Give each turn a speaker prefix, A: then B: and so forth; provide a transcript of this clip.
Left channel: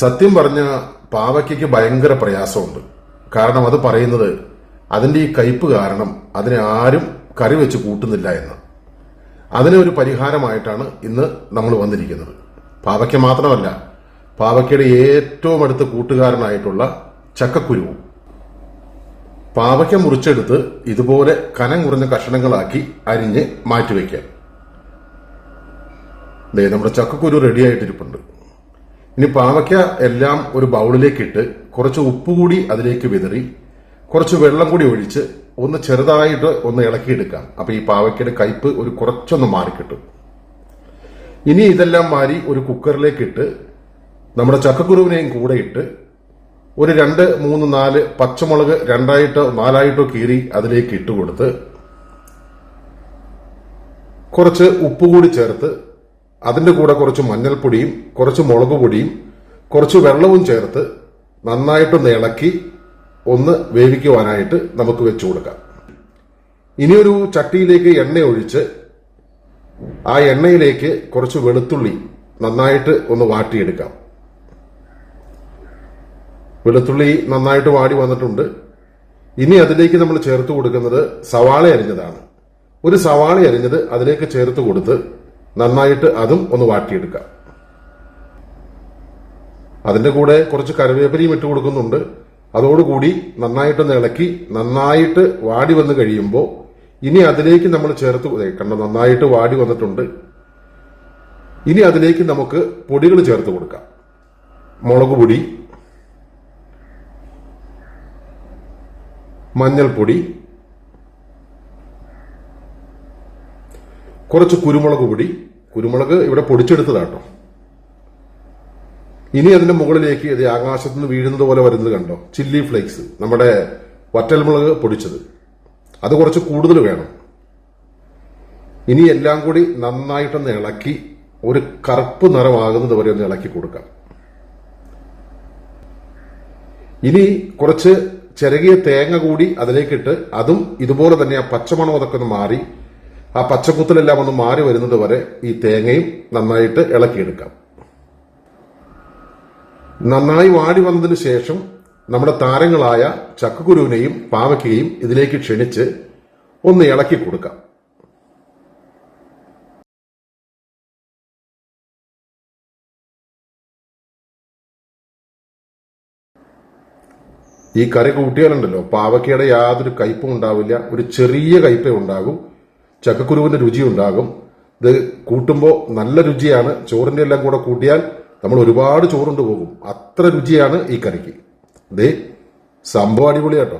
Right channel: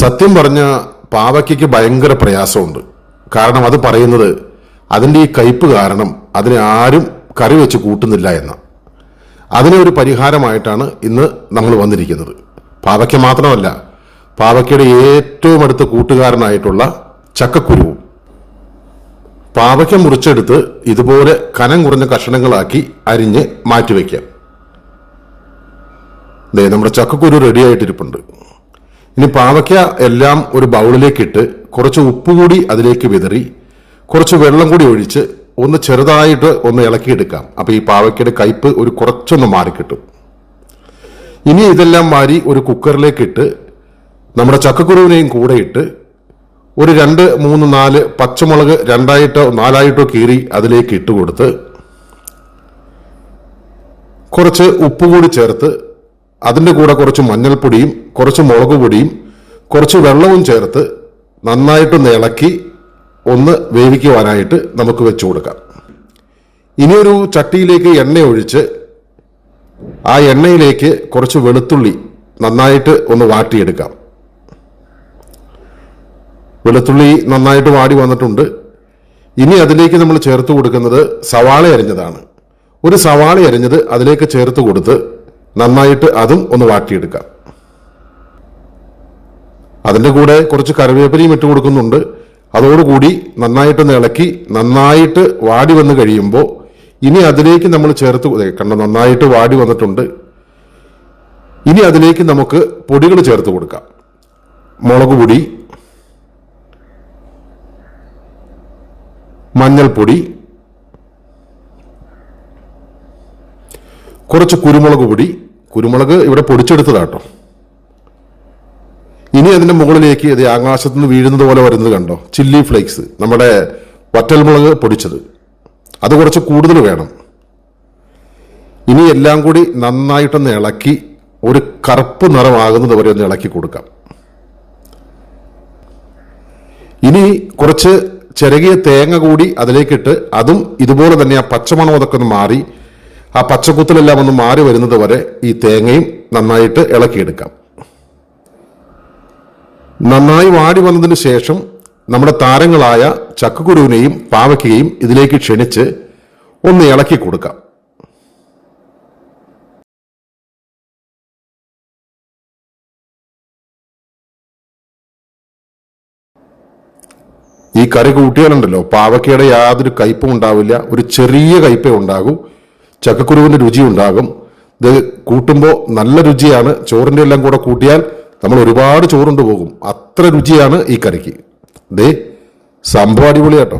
A: സത്യം പറഞ്ഞ പാവയ്ക്കയ്ക്ക് ഭയങ്കര പ്രയാസമുണ്ട്. കാരണം അത് പറയുന്നത് അതിന്റെ ഈ കയ്പ് കാരണം അതിനെ ആരും കറി വെച്ച് കൂട്ടുന്നില്ല എന്ന. അതിനൊരു പരിഹാരമായിട്ടാണ് ഇന്ന് നമ്മൾ വന്നിരിക്കുന്നത്. പാവയ്ക്ക മാത്രമല്ല പാവയ്ക്കയുടെ ഏറ്റവും അടുത്ത കൂട്ടുകാരനായിട്ടുള്ള ചക്കക്കുരുവും പാവയ്ക്ക മുറിച്ചെടുത്ത് ഇതുപോലെ കനം കുറഞ്ഞ കഷണങ്ങളാക്കി അരിഞ്ഞ് മാറ്റിവെക്കാം നമ്മുടെ ചക്കക്കുരു റെഡി ആയിട്ടിരിപ്പുണ്ട്. ഇനി പാവയ്ക്ക എല്ലാം ഒരു ബൗളിലേക്ക് ഇട്ട് കുറച്ച് ഉപ്പ് കൂടി അതിലേക്ക് വിതറി കുറച്ച് വെള്ളം കൂടി ഒഴിച്ച് ഒന്ന് ചെറുതായിട്ട് ഒന്ന് ഇളക്കിയെടുക്കാം. അപ്പൊ ഈ പാവയ്ക്കയുടെ കയ്പ് ഒരു കുറച്ചൊന്ന് മാറിക്കിട്ടും. ഇനി ഇതെല്ലാം മാറി ഒരു കുക്കറിലേക്ക് ഇട്ട് നമ്മുടെ ചക്കക്കുരുവിനെയും കൂടെ ഇട്ട് ഒരു രണ്ട് മൂന്ന് നാല് പച്ചമുളക് രണ്ടായിട്ടോ നാലായിട്ടോ കീറി അതിലേക്ക് ഇട്ട് കൊടുത്ത് കുറച്ച് ഉപ്പ് കൂടി ചേർത്ത് അതിന്റെ കൂടെ കുറച്ച് മഞ്ഞൾപ്പൊടിയും കുറച്ച് മുളക് പൊടിയും കുറച്ച് വെള്ളവും ചേർത്ത് നന്നായിട്ടൊന്ന് ഇളക്കി ഒന്ന് വേവിക്കുവാനായിട്ട് നമുക്ക് വെച്ചു കൊടുക്കാം. ഇനിയൊരു ചട്ടിയിലേക്ക് എണ്ണ ഒഴിച്ച് ആ എണ്ണയിലേക്ക് കുറച്ച് വെളുത്തുള്ളി നന്നായിട്ട് ഒന്ന് വാട്ടിയെടുക്കാം. വെളുത്തുള്ളി നന്നായിട്ട് വാടി വന്നിട്ടുണ്ട്. ഇനി അതിലേക്ക് നമ്മൾ ചേർത്ത് കൊടുക്കുന്നത് സവാള അരിഞ്ഞതാണ്. ഒരു സവാള അരിഞ്ഞത് അതിലേക്ക് ചേർത്ത് കൊടുത്ത് നന്നായിട്ട് അതും ഒന്ന് വാട്ടിയെടുക്കാം. അതിന്റെ കൂടെ കുറച്ച് കറിവേപ്പിലയും ഇട്ട് കൊടുക്കുന്നുണ്ട്. അതോടുകൂടി നന്നായിട്ടൊന്ന് ഇളക്കി നന്നായിട്ട് വാടി വന്ന് കഴിയുമ്പോൾ ഇനി അതിലേക്ക് നമ്മൾ ചേർത്ത് കണ്ട നന്നായിട്ട് വാടി വന്നിട്ടുണ്ട്. ഇനി അതിലേക്ക് നമുക്ക് പൊടികൾ ചേർത്ത് കൊടുക്കാം. മുളക് പൊടി മഞ്ഞൾപ്പൊടി കുറച്ച് കുരുമുളക് പൊടി. കുരുമുളക് ഇവിടെ പൊടിച്ചെടുത്തതാട്ടോ. ഇനി അതിന്റെ മുകളിലേക്ക് ഇത് ആകാശത്ത് നിന്ന് വീഴുന്നത് പോലെ വരുന്നത് കണ്ടോ? ചില്ലി ഫ്ലേക്സ് നമ്മുടെ വറ്റൽമുളക് പൊടിച്ചത്. അത് കുറച്ച് കൂടുതൽ വേണം. ഇനി എല്ലാം കൂടി നന്നായിട്ടൊന്ന് ഇളക്കി ഒരു കറുപ്പ് നിറമാകുന്നത് വരെ ഒന്ന് ഇളക്കി കൊടുക്കാം. ഇനി കുറച്ച് ചിരകിയ തേങ്ങ കൂടി അതിലേക്കിട്ട് അതും ഇതുപോലെ തന്നെ ആ പച്ചമണം അതൊക്കെ ഒന്ന് മാറി ആ പച്ചക്കുത്തലെല്ലാം ഒന്ന് മാറി വരുന്നത് വരെ ഈ തേങ്ങയും നന്നായിട്ട് ഇളക്കിയെടുക്കാം. നന്നായി വാടി വന്നതിന് ശേഷം നമ്മുടെ താരങ്ങളായ ചക്കക്കുരുവിനെയും പാവയ്ക്കയും ഇതിലേക്ക് ക്ഷണിച്ച് ഒന്ന് ഇളക്കി കൊടുക്കാം. ഈ കറി കൂട്ടിയാലുണ്ടല്ലോ പാവയ്ക്കയുടെ യാതൊരു കയ്പും ഉണ്ടാവില്ല ഒരു ചെറിയ കയ്പേ ഉണ്ടാകൂ. ചക്കക്കുരുവിന്റെ രുചി ഉണ്ടാകും ഇത് കൂട്ടുമ്പോൾ നല്ല രുചിയാണ്. ചോറിന്റെ എല്ലാം കൂടെ കൂട്ടിയാൽ നമ്മൾ ഒരുപാട് ചോറുണ്ട് പോകും. അത്ര രുചിയാണ് ഈ കറിക്ക്. ദേ സംഭവം അടിപൊളിയാട്ടോ.